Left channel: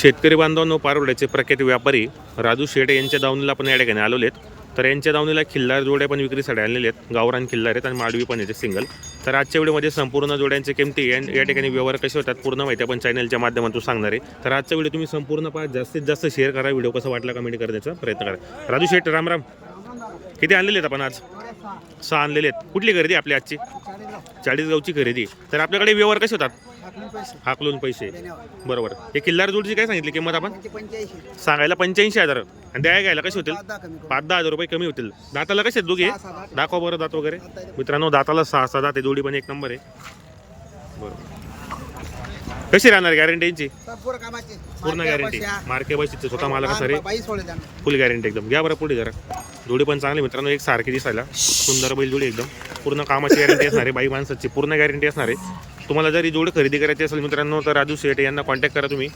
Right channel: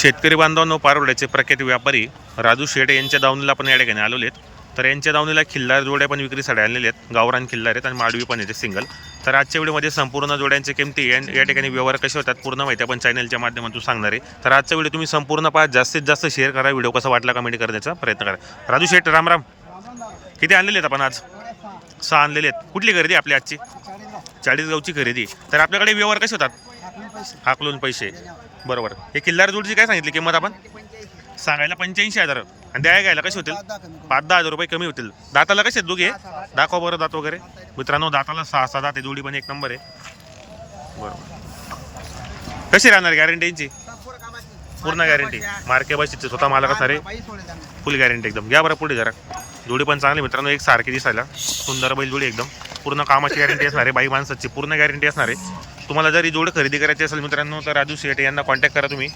शेतकरी बांधवांनो पारोड्याचे प्रख्यात व्यापारी राजू शेटे यांच्या दावणीला आपण या ठिकाणी आलेले आहेत. तर यांच्या दावणीला खिल्लार जोड्या पण विक्रीसाठी आणलेले आहेत. गावरान खिल्लार आहेत आणि माडवी पण येते सिंगल तर आजच्या व्हिडिओमध्ये संपूर्ण जोड्यांचे किमती या ठिकाणी व्यवहार कसे होतात पूर्ण माहिती आपण चॅनलच्या माध्यमातून सांगणार आहे. तर आजचा व्हिडिओ तुम्ही संपूर्ण पाहा. जास्तीत जास्त शेअर करा. व्हिडिओ कसा वाटला कमेंट करण्याचा प्रयत्न करा. राजू शेट राम राम. किती आणलेले आहेत आपण आज? सहा आणलेले आहेत. कुठली खरेदी आपली आजची? चाळीसगावची खरेदी. तर आपल्याकडे व्यवहार कसे होतात? हाकलून पैसे. बरोबर. हे किल्लार जोडची काय सांगितली किंमत आपण? सांगायला पंच्याऐंशी हजार. आणि द्याय घ्यायला कसे होतील? पाच दहा हजार रुपये कमी होतील. दाताला कसे आहेत दोघे? दाखवा बरं दात वगैरे. मित्रांनो दाताला सहा सहा दात आहे. जोडी पण एक नंबर आहे. बरोबर. कशी राहणार गॅरंटीची पूर्ण गॅरंटी मार्के बशीचे स्वतः मालक असा रे. फुल गॅरंटी एकदम. घ्या बरं पुढे जरा. जोडी पण चांगली मित्रांनो एक सारखी दिसायला. सुंदर बैल जोडी एकदम. पूर्ण कामाची गॅरंटी असणार आहे बाई माणसाची पूर्ण गॅरंटी असणार आहे. तुम्हाला जर ही जोडी खरेदी करायची असेल मित्रांनो तर राजू शेटे यांना कॉन्टॅक्ट करा तुम्ही.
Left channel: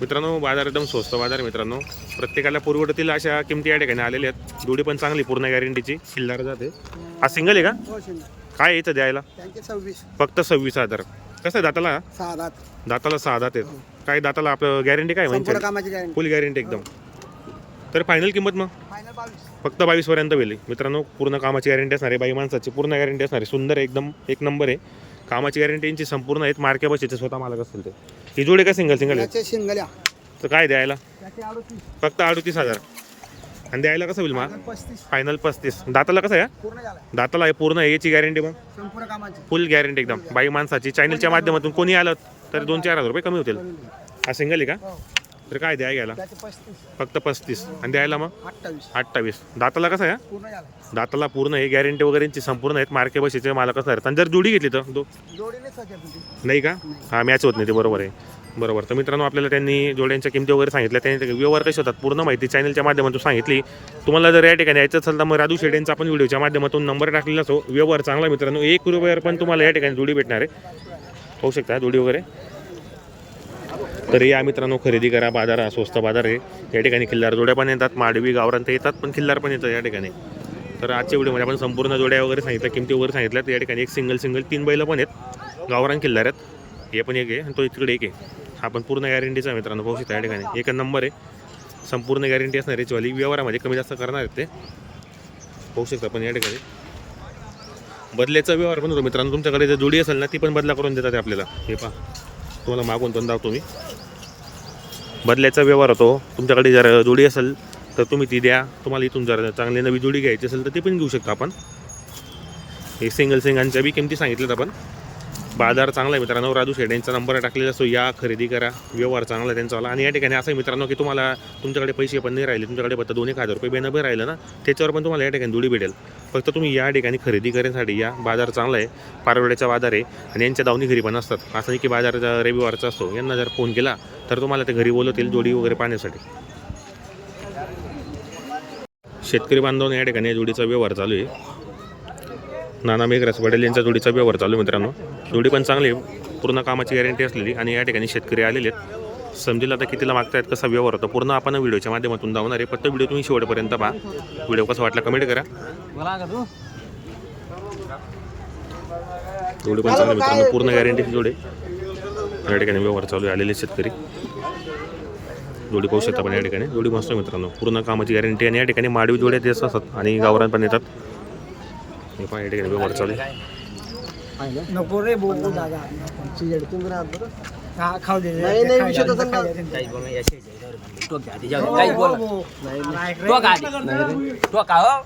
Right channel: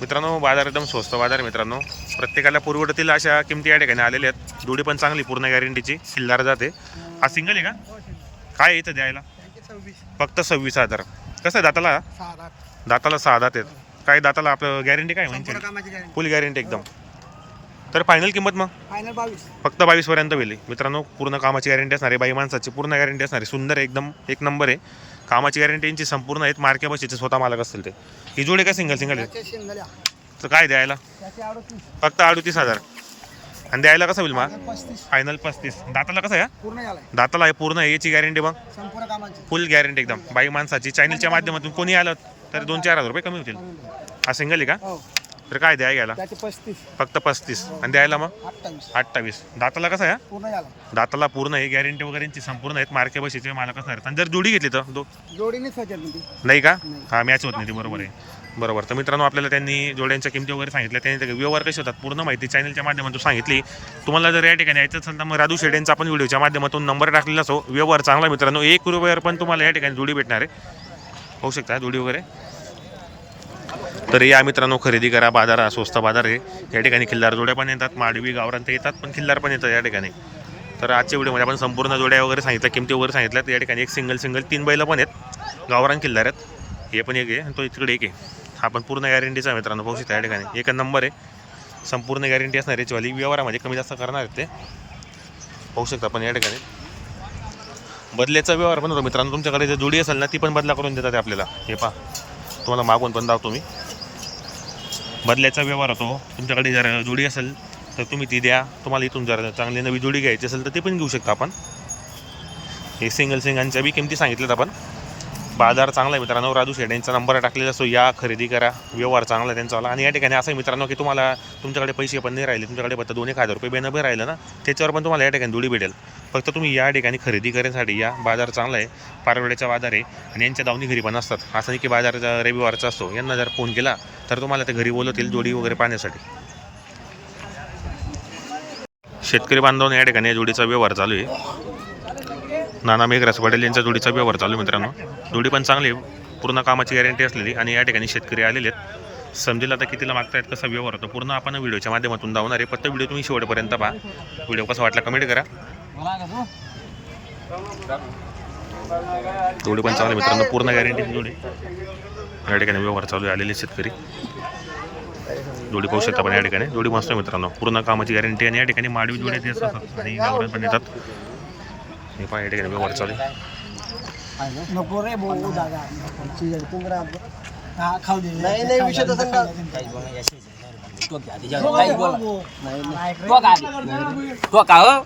मित्रांनो बाजार एकदम स्वस्त बाजार मित्रांनो. प्रत्येकाला पुरवठतील अशा किमती या ठिकाणी आलेल्या आहेत. जोडी पण चांगली पूर्ण गॅरंटीची खिल्लार जाते. हा सिंगल आहे का? काय इथं द्यायला? फक्त सव्वीस हजार. कसं आहे दाताला? दाताला सहा दात आहेत. काय दाताला आपलं गॅरंटी काय म्हणजे? फुल गॅरंटी एकदम. तर फायनल किंमत मग? फक्त बावीस. पर्यंत गेली मित्रांनो पूर्ण कामाची गॅरंटी असणार आहे. बाई माणसाची पूर्ण गॅरंटी असणार आहे. सुंदर आहे एकदम एक नंबर आहे. कामाची गॅरंटी यांची संपूर्ण आहेत. मार्के बसीचे स्वतः मालक असतील ते. ही जोडी का सिंगल सिंगल आहे? तर काय द्यायला? फक्त अडतीस हजार. आणि द्यायला कसं होईल मग? पस्तीस. फायनल पस्तीस. दाताला कसं आहे? हा? पूर्ण झालाय दाताला आहे पूर्ण आहे याची गॅरंटी मग? संपूर्ण कामाची. फुल गॅरंटी एकदम. बाई माणसाची चॅनलच्या माध्यमातून कोणी आलं तर दोन चार हजार रुपये कमी होतील. हा सिंगल आहे का? हो. तर काय द्याय घ्यायला? त्याचे पस्तीस. फक्त पस्तीस. आणि द्यायला मग? अठ्ठावीस. अठ्ठावीस. दाताला कसं आहे? पूर्ण झाला दाताला पूर्ण आहे गॅरंटी वगैरेची संपूर्ण आहेत मार्के बशीचे मालक असणार आहेत. आणि जर जोडी घेतली तर दो जोडीने नाही का. हा मॅच होत नाही ते बरोबर आहे. बरोबर. तर मित्रांनो आपल्याला त्यांनी जोड्यांच्या किमती वगैरे सांगितल्या. त्यांनी ते व्यवहार कसे होतात पूर्ण माहिती चॅनलच्या माध्यमातून सांगितली. तुम्हाला जर या ठिकाणी यायचं असेल तर मग राजू शेडेंचा आपण व्हिडिओच्या माध्यमातून नंबर टाकलेला असो. व्यवहार चांगला मित्रांनो. एक रुपयावर पण तुम्हाला या ठिकाणी जोडी भेटणार आहे. होऊ शकता जोडी वगैरे? तर या मित्रांनो खरेदी करा बाजार हा स्वस्त बाजार आहे. या ठिकाणी खिल्लार जोड्या पण येतात माडवी गावरान तर येतात पण खिल्लार पण येतात या ठिकाणी. तर आजच्या व्हिडिओमध्ये आपण संपूर्ण जोड्या वगैरे सांगितल्या किमती वगैरे सांगितल्यात. या ठिकाणी एक सिंगल सिंगल तीन बैलं पण आहेत. गावरान खिल्लार आहेत. हे पण एक आहे आणि तो इकडे एक आहे. हा पण पूर्ण गॅरंटीचा आहे मित्रांनो पाहू शकता या ठिकाणी. एक नंबर आहे. संपूर्ण गॅरंटी असणार आहे याचीवाली व्यवहारामध्ये कमी जास्त करणार आहेत ते. पाहू शकता आपण या ठिकाणी. बदल्याचा व्यवहार पण होतो मित्रांनो. तुमच्याकडे जर जोडी असेल ना ती पण बदला करून देतात आपल्याला. हे पहा. तुम्हाला मागून पण दावतो मी. बदल्याचा व्यवहार होतो. तुमच्याकडे जर जोडी असेल तर तुम्ही ती द्या. तुम्हाला इथून जर चांगली नवी जोडी घ्यायची असेल तर ती पण घेऊ शकता आपण. हे सिंगल सिंगांच्या बी किमती सांगितल्यात आपण. बाजार चांगला आहे मित्रांनो. राजू शेड यांचा नंबर टाकलेला असतो. या खरेदी करा. व्यवहार चांगला आहे त्यांचा आणि या ठिकाणी असं आहे मित्रांनो की तुम्हाला तुमच्याकडे पैसे पण नाही राहिले. तुमच्याकडे फक्त दोन एक हजार रुपये बेनबे राहिलं ना त्याच्यावर पण तुम्हाला या ठिकाणी जोडी भेटेल. फक्त तुम्ही या ठिकाणी खरेदी करण्यासाठी या. बाजार चांगला आहे. पारवड्याचा बाजार आहे. आणि यांच्या दावणी घरी पण असतात. असं नाही की बाजार रविवारचा असतो. यांना जर फोन केला तर तुम्हाला ते घरी बोलवतील जोडी वगैरे पाहण्यासाठी. शेतकरी बांधवांना या ठिकाणी या जोडीचा व्यवहार चालू आहे. नाना मेघराज पटेल यांच्या जोडीचा व्यवहार चालू आहे मित्रांनो. जोडी पण चांगली पूर्ण कामाची गॅरंटी असलेली आणि या ठिकाणी शेतकरी आलेले आहेत. समजेल आता कितीला मागतायत कसा व्यवहार होतो? पूर्ण आपण व्हिडिओच्या माध्यमातून धावणार आहे फक्त व्हिडिओ तुम्ही शेवटपर्यंत पहा. व्हिडिओ कसा वाटला कमेंट करा. जोडी पण चांगली मित्रांनो. पूर्ण गॅरंटीची जोडी. या ठिकाणी व्यवहार चालू आहे. आलेले शेतकरी. जोडी पाहू शकता पण या ठिकाणी. जोडी मस्त मित्रांनो. पूर्ण कामाची गॅरंटी आणि या ठिकाणी माडवी जोड्या ते असतात आणि गावरान पण येतात हे पहा या ठिकाणी व्यवहार चालू आहे. नको रे भाऊ. दादा हा खाऊ दे नाही नाही विषय तसा काही बोल नाही यशे तो घ्या तिच्या काही बोल तो का आधी. तो का हो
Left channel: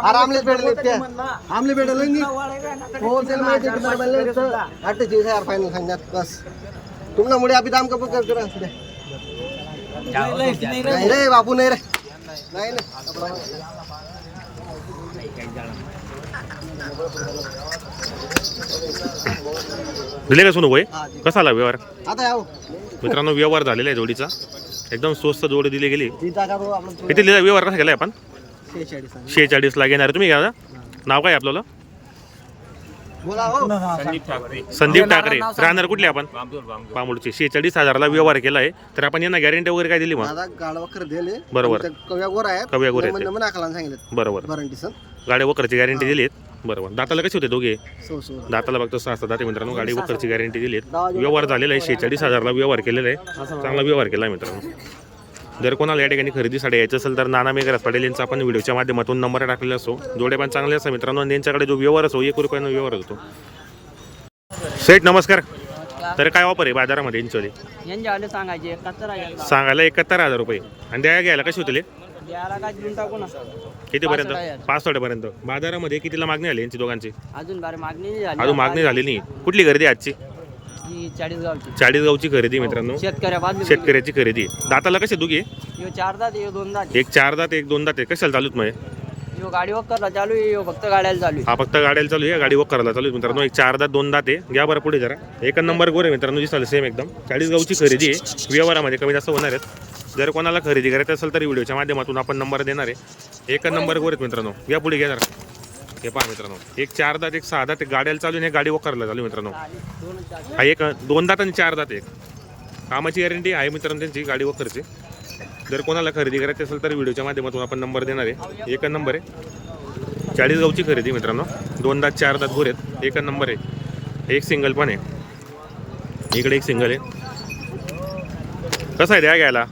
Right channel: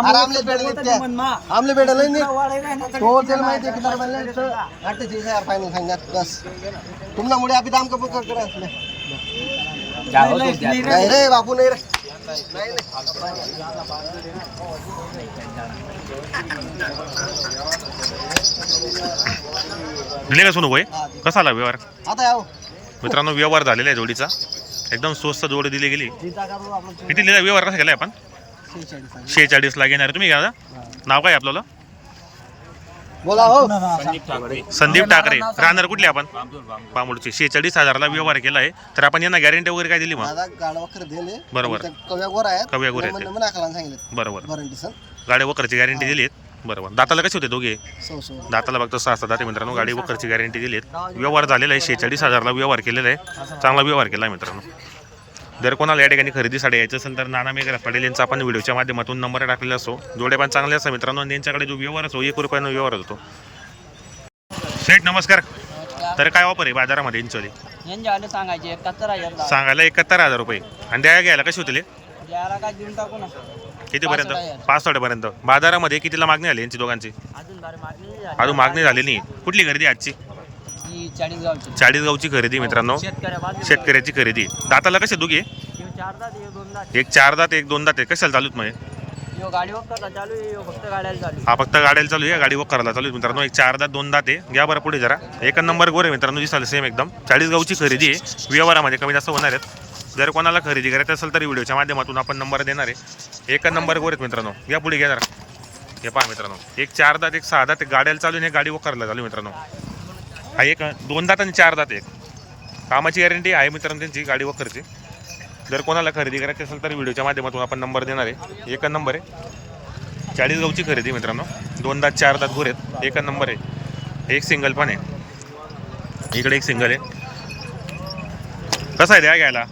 आरामले भेटले आमले भेटले नाही हो त्याला माहिती आहे की दरम्यान अठ्ठेचाळीस हजार फायनल सांगण्यात बस. तुमच्यामुळे अभि दाम कमी कर हो नाही रे. बापू नाही रे. दिले का सोनू भाई. कसा आला व्यवहार? आता याव. मित्रांनो व्यवहार झालेला आहे जोडीचा. एकदम स्वस्त जोडी दिली गेली. किती लिहिला? व्यवहार कसा केला आपण? शेहेचाळीस. शेहेचाळीसला घेणार तुम्ही घ्या. नाव काय आपल्याला? बोला हो. संदीप ठाकरे. संदीप राहणार कुठले आपण? बांबूर बांबूर. पामुडचे शेहेचाळीस हजारला व्यवहार केला आहे. तर आपण यांना गॅरंटी वगैरे काय दिली मग? गाडा बरोबर. कव्या गोर आहेत. कव्या गोर आहेत नंबर नंबर नाकाला सांगितलं बरोबर. वरंटी सण. गाड्या वकरची गॅरंटी दिली आहे बरोबर. दाताला कसे होते दोघे? सौ सौ. दाताला बघतो सहा सात दाते मित्रांनो. गाडी वखरची गॅरंटी दिली आहे व्यवहार झालेला आहे. शेहेचाळीस हजारला व्यवहार केलेला आहे. चांगला व्यवहार केला आहे मित्रांनो. जर कोणाला या ठिकाणी खरेदीसाठी यायचं असेल तर नाना मेघराज पटेल यांचा आपण व्हिडिओच्या माध्यमातून नंबर टाकलेला असो जोड्या पण चांगले असतात मित्रांनो यांच्याकडे जो व्यवहार असो एक रुपयानं व्यवहार होतो. सेठ नमस्कार. तर काय ऑफर आहे बाजारामध्ये इंचोली यांचे सांगायचे एकाहत्तर हजार सांगायला एकाहत्तर हजार रुपये. आणि द्या घ्यायला कशी होतील? द्यायला काय देऊन टाकू ना. कितीपर्यंत? हजार. पासष्टपर्यंत. बाजारामध्ये कितीला मागणी आली यांची दोघांची? अजून मागणी झाली. अजून मागणी झाली नाही. कुठली खरेदी आजची? ही चाळीस गावची खरेदी मित्रांनो. शेतकऱ्या शेतकऱ्याची खरेदी. दाताला कसे यो चार दात दोन दात. एक चार दात एक दोन दात. आहे कशाला चालूत मग हे? यो गाडी वगैरे चालू आहे यो फक्त गाड्याला चालू आहे. हा फक्त गाड्याला चालू आहे गाडी वक करायला चालू आहे. मित्रांनो एक चार दात दोन दात आहे. घ्या बरं पुढे जरा. एक नंबर गोर आहे मित्रांनो दिसाल सेम एकदम. चाळीसगावची खरेदी आहे. व्यवहारामध्ये कमी जास्त होणार आहेत. जर कोणाला खरेदी करायचं असेल तर व्हिडिओच्या माध्यमातून आपण नंबर देणार आहे. एक नंबर गोर आहेत मित्रांनो. या पुढे घ्या जरा. हे पहा मित्रांनो. एक चार दात एक सहा दात एक गाड्याला चालू आहे गाडी वक करायला चालू मित्रांनो. हा एक दोन दात आणि चार दात एक. कामाची गॅरंटी आहे मित्रांनो त्यांची गाडी वखरची जर कोणाला खरेदी करायची असेल तर व्हिडिओच्या माध्यमातून आपण नंबर देणार आहे. एक नंबर आहे. चाळीस गावची खरेदी मित्रांनो. दोन दात चार दात गोर आहेत. एक नंबर आहे. एक सिंगल पण आहे. इकडे एक सिंगल आहे. कसं आहे द्या घ्यायला?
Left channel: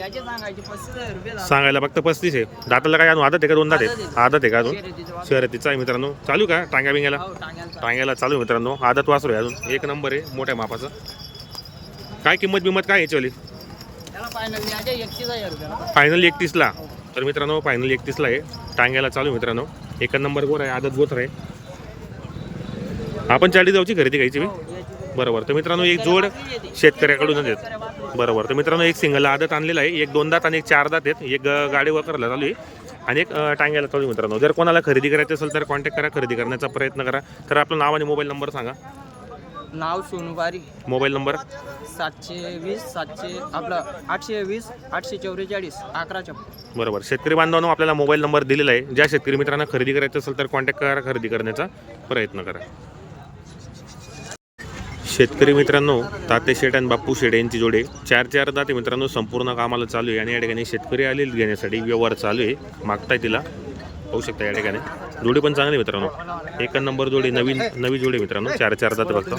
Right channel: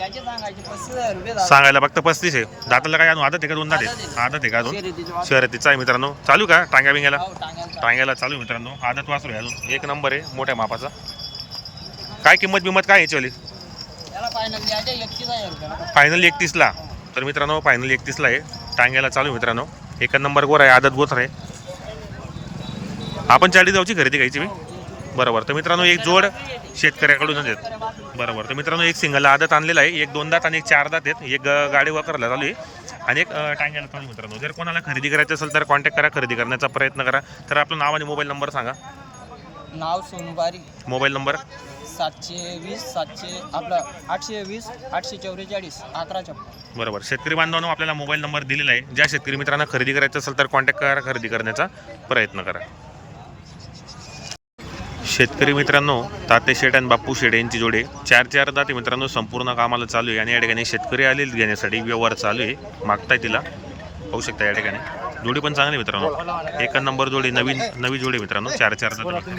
याचे सांगायचे पस्तीस हजार रुपये झाले. सांगायला फक्त पस्तीस आहे. दाताला काय अजून आदत आहे का दोन दात आहे आदत आहे. आदत आहे का अजून? शर्यतीचे वासर. शर्यतीचा आहे मित्रांनो. चालू का टांग्या बिंग्याला? हो, टांग्याला चालू. टांग्याला चालू आहे मित्रांनो. आदत वासरू आहे अजून. एक नंबर आहे मोठ्या मापाचा. काय किंमत बिंमत काय याची वाली? फायनल द्यायचे एकतीस हजार रुपयाला बस. फायनल एकतीसला. तर मित्रांनो फायनल एकतीसला आहे. टांग्याला चालू आहे मित्रांनो. एक नंबर गोर आहे आदत गोत्र आहे. आपण चाळीस जाऊची खरेदी घ्यायची मी. हो. बरोबर. तर मित्रांनो एक जोड येते. शेतकऱ्याकडूनच आहेत बाजूला. बरोबर. तर मित्रांनो एक सिंगल आदत आणलेला आहे. एक दोन दात आणि एक चार दात आहेत. एक गाडी वापरायला चालू आहे. आणि एक टांग्याला चालू मित्रांनो. जर कोणाला खरेदी करायची असेल तर कॉन्टॅक्ट करा. खरेदी करण्याचा प्रयत्न करा. तर आपलं नाव आणि मोबाईल नंबर सांगा. नाव सोनुबारी. मोबाईल नंबर सातशे वीस सातशे आपलं आठशे वीस आठशे चौवेचाळीस अकरा छप्पन. बरोबर. शेतकरी बांधवांनो आपल्याला मोबाईल नंबर दिलेला आहे. ज्या शेतकरी मित्रांना खरेदी करायचं असेल तर कॉन्टॅक्ट करा. खरेदी करण्याचा प्रयत्न करा. शेतकरी मित्रांनो ताते शेट आणि बाप्पू शेट यांची जोडे चार चार दाते मित्रांनो संपूर्ण कामाला चालू आहे आणि या ठिकाणी शेतकरी आले घेण्यासाठी व्यवहार चालू आहे. मागताय तिला. पाहू शकता या ठिकाणी. जोडी पण चांगली मित्रांनो. एक नंबर जोडी नवीन नवी जोडी मित्रांनो. चार चार दाते बघतो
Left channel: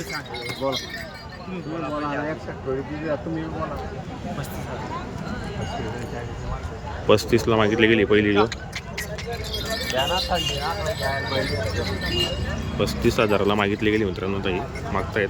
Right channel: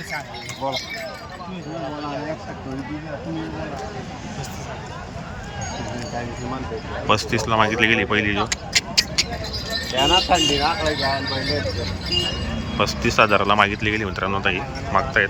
पस्तीसला मागितली गेली पहिली जो. पस्तीस हजाराला मागितली गेली मित्रांनो ताई. मागतायत.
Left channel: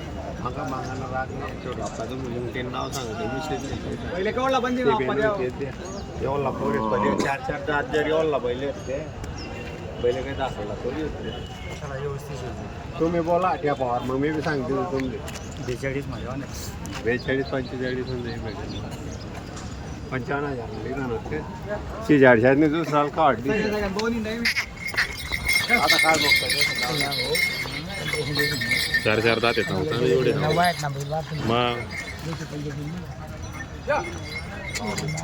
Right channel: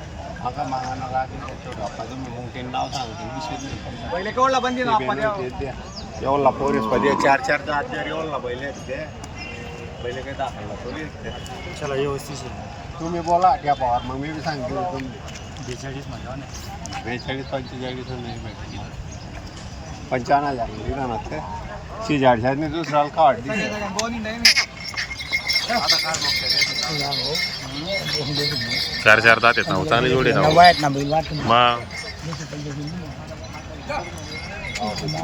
मागा मागाना राग नाही छोटा आपा तुम्ही मुंगटीन नाव सांगते पैसा. पहिले केवढला बंदी ना पोरीस पहिले चार चार जात जर आहेत ते बैल काही दाखवला आहेत ते तुम्ही बोला त्या पवार मग मी बी सांगते तुम्ही. बेचाळीस पंचेचाळीस नाही भेटेल पंचावन्न हजार लिहिलं ना ते शेजारच्याने दुसऱ्याला का वाटली चार चार दात आहेत ना चांगली जोडी ना मग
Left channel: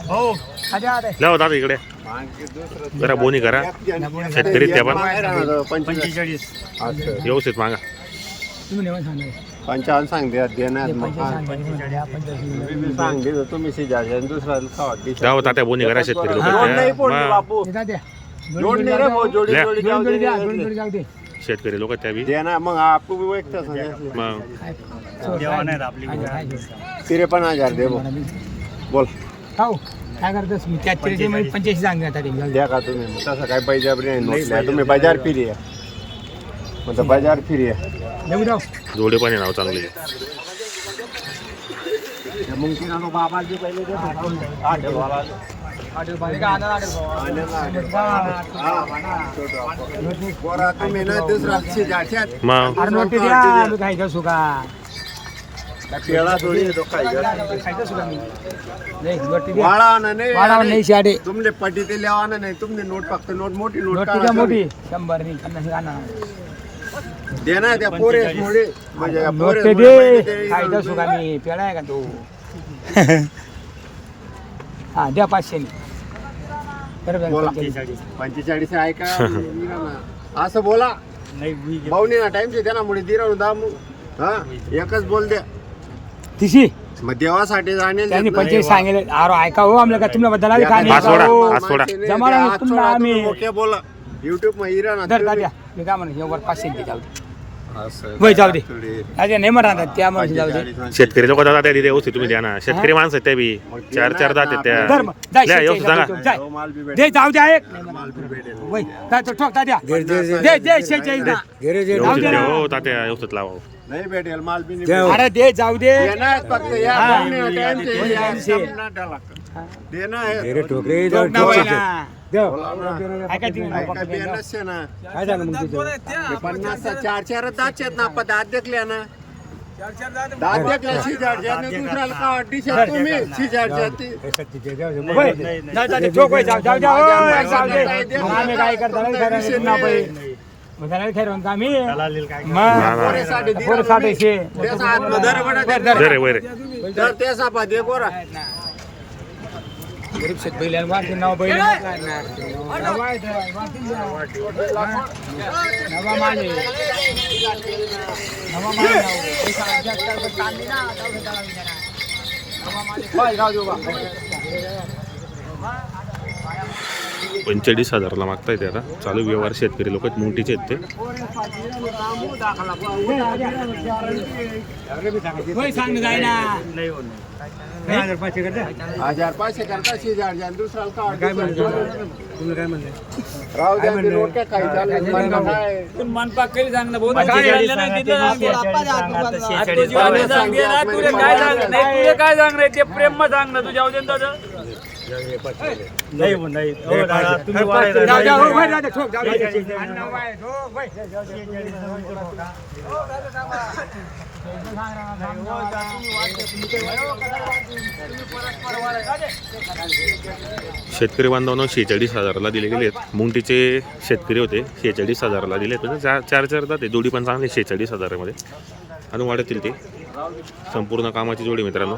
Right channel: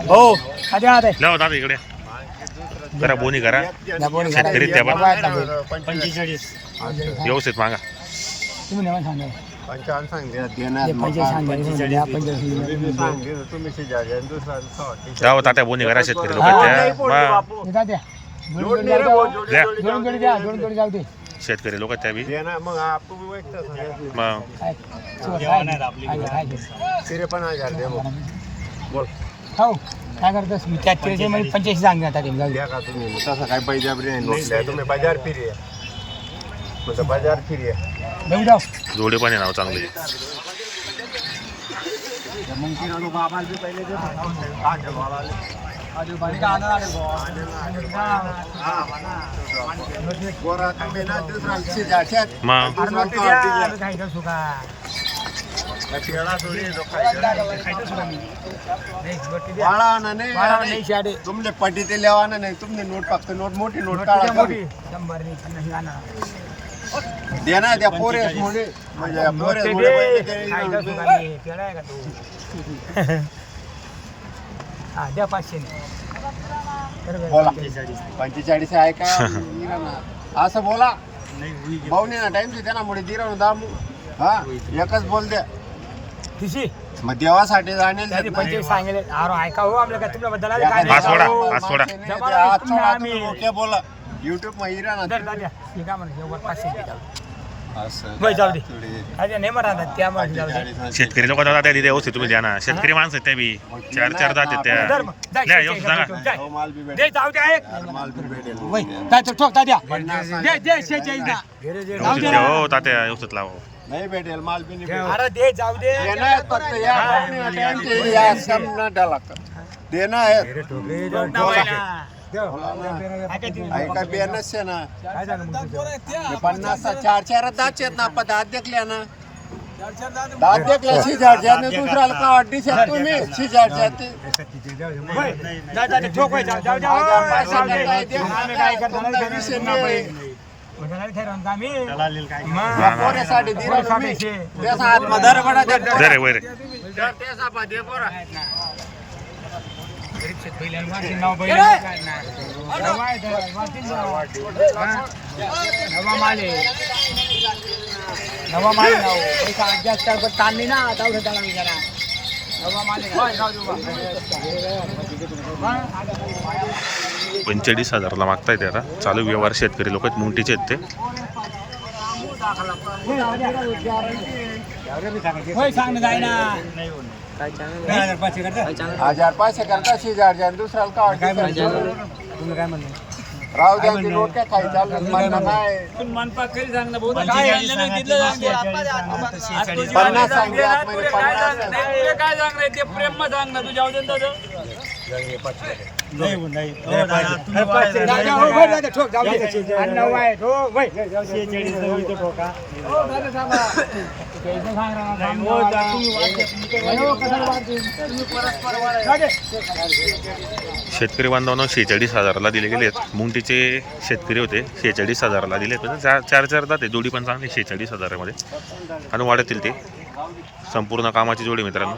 हो. लावा दादा इकडे. करा बोनी करा. शेतकरी त्या पण. पंचेचाळीस. व्यवस्थित मागा. पंचावन्न सांगते देण्यात मग. तुम्ही तात्या बोनी करा शेतकरी लोक त्या. मग. शेतकरी लोक त्या बी देणार मग? आप तुम्ही व्यक्त सांगा. मग त्रेपन्न हजार दे मग. बोल. हो काय करतोस? मी त्यात पंच्याऐंशी सांगण्यात आले द्या का तुम्ही? मग तसं काय पैजाबरी नाही मग नाही, तुम्ही बाजार फिरी. आहे तुमचं बाजार फिरी. आहे जाऊ जाऊ. जोडे पण आहे नाव चांगले. त्या मग तिला लोक बाबाचे पहिले मग त्या तो. खायचं सुका मी वाळा ना नाही नाही शाडे तुमले पटी ते लेवाना नाही तुमने नोट फक्त नोट मोठी नोट काढा मोठी तुम्ही. शंभर मी पन्नास आणा दे ना त्या पोरेस मुळे म्हणजे या पोरेस मुळे मी? पेढा आहे का तो? हा द्या पाचशे बोला. पंचेचाळीस. आहे का. असं बोला. भाऊनी ना टाइम त्यांना मुळे दिराणू दामू. हा एकच बोल द्या. तिशी? मग देवासाठी जाणेल सांगेल अरे ऐका हो आमल्या का तुम्हाला बद्दल हात सोडा, तुम्ही बोला. युट्यूब तुम्ही. द्या. हे काय एवढं पाचशे जाऊ दे. नाही म्हणा त्या माणूस जाऊ दे. शेतकरी लोक दादा त्या व्यवस्थित तुम्ही द्या ना शेतकरी माणसं आहेत त्या बी चार चार दात आहेत त्या धर मग. जाय, द्या, शेत व्यवस्थित सांगा दे. जाय. हो, माल बी दे भेटेल जाऊ द्या एक माल बी भेटेल वय जाय तो ठोक द्या पन्नास दे दे शेहेचाळीस द्या. व्यवस्थित द्या हो तात्या व्यवस्थित लावा नाही भेटेल माल बी नाही भेटेल अरे दे जाऊ दे देणार फक्त या पाहुणे टाइम ते या संपणार त्याला देणार ठोक नसते ना. पन्नास चार चार दात आहेत ना. दात देखल्या ना. दात देखल्या शिजारच्या दुसऱ्याला का तुम्ही. शिजारच्या ते वय. जाऊ दे, ठोक वय, जाऊ जाऊ, जाऊ. माझ्या वय, पैसे जाऊ दे. करताय, देख आम्ही नका, काय करतो, तुमचा काय विषय करतो, नाही. बाई. मग त्याला ठरवून का आम्ही? ना, मग. ना. पोरेसाठी दिला पोरेसाठी तुम्ही. शे. त्याचा बडा बोरा. शेत बैलांना वाटते नाव बैल. नवा आहे. हा? नवा माल. नवा माल जास्त नाही ना, तेवढं ताण नाही जरा. नवा माल आहे. होय, जाऊ दे बा. पंचेचाळीस हजारला मागताय ते आता चालू व्यवहार शेतकरी लोक आहेत मुंगटीचे आहेत ते हजार पाचशे करता आणि दुसऱ्याला का वाटते तुम्ही काय म्हणले राहू द्या ते काही चालू म्हणणं काय मनपाक केली सांग ना पंचेचाळीस पन्नास म्हणजे काय सांग रे ते प्रेम सांग ना तुझ्या दादा जाऊ द्या, हो, होय, जाऊ द्या, ठोक, जाऊ द्या. आणि नऊ आहे, ठोक, होय. शेतकरी बांधवांना शेहेचाळीस हजाराला दिले गेले आहेत मुंगटीचे शेतकरी होते शेहेचाळीस हजाराला दिले म्हणजे चार चार चार जाते जोडी पण चांगली शेहेचाळीस हजारामध्ये आणि वाढतील ते संपूर्ण कामाची जोडी मित्रांनो